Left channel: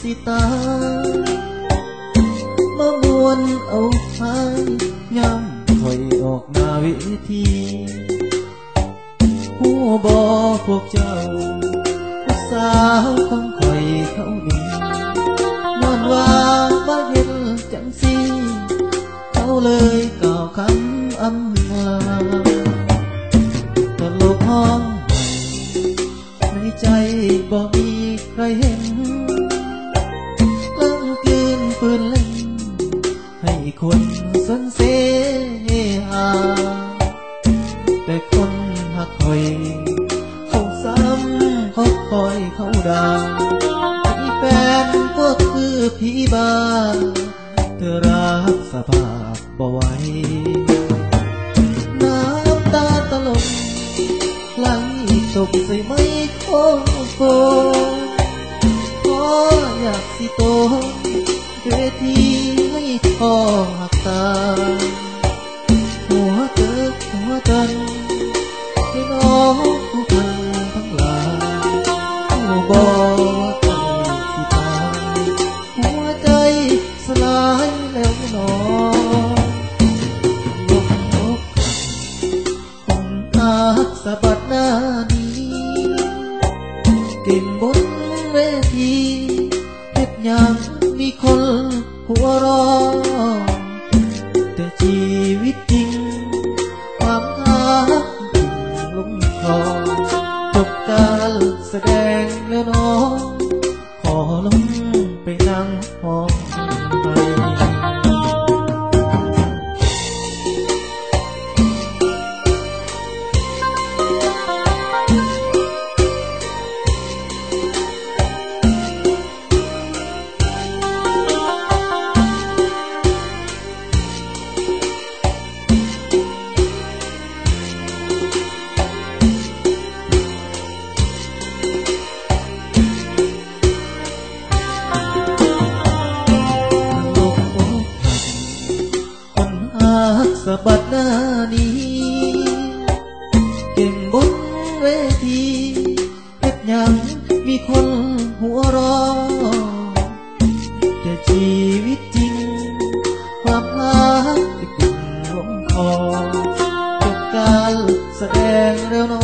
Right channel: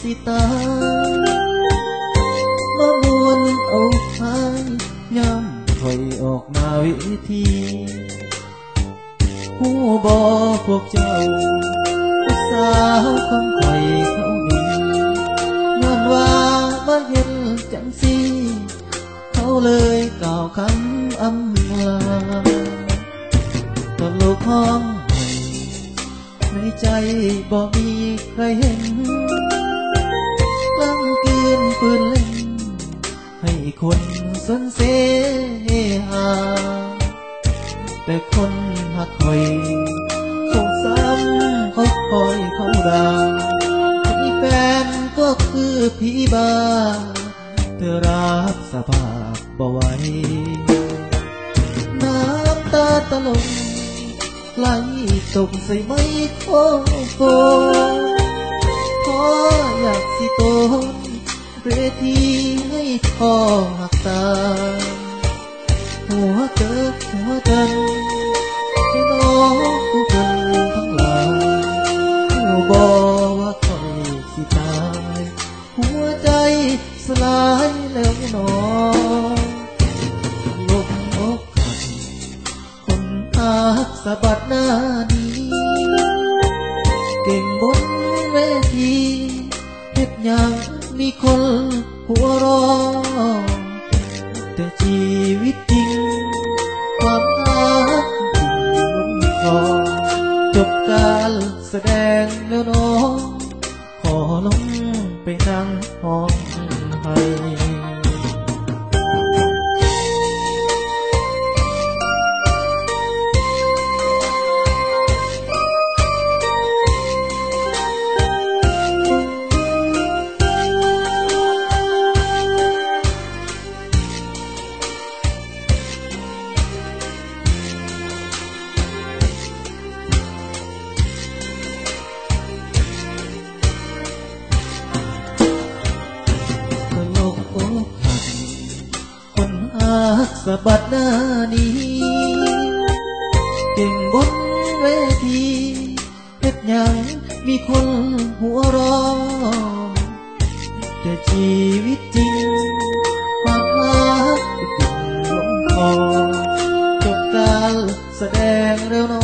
สิตามามวนเอาพายย้ำคอยออกหน้าเวทีหูบอพวกเจ้าผู้สาวของคอยเขาดีย้อนว่ามาเห็นจังสีเขาเลยกล่าวคำอำลาตลกห้องให้ในใจบ่มีใครเห็น ปืนเล่น ให้คนสนเสหาแต่คนหักคอยเขาซ้ำเขาคอยเขาด่าที่แฟนก็คือผีบาเธอรับสภาพบ่ไหวน้ำตาตะลงไหลตกใส่ไม้โคโฟพออยากสิโต เวทีให้พ่อหักตา หัวเติกหัวเตินให้น้องผู้คนทั้งหลายผู้บอกว่าคอยสิตาย หัวใจสลายแล้วหนอลงอกหักคงหักสะบัดหน้านี้ เก่งบนเวที อยากมีคนหัวรอแต่ชีวิตจริง ความรักถึงลงคอจบการแสดงแล้วน้อง ขอลงไปนั่งห้อง สะบัดหน้านี้ เก่งบนเวทีเพชรยังมีคนหัวรอแต่ชีวิตจริง ความรักที่กิ่งลงคอจบการแสดงแล้วน้อ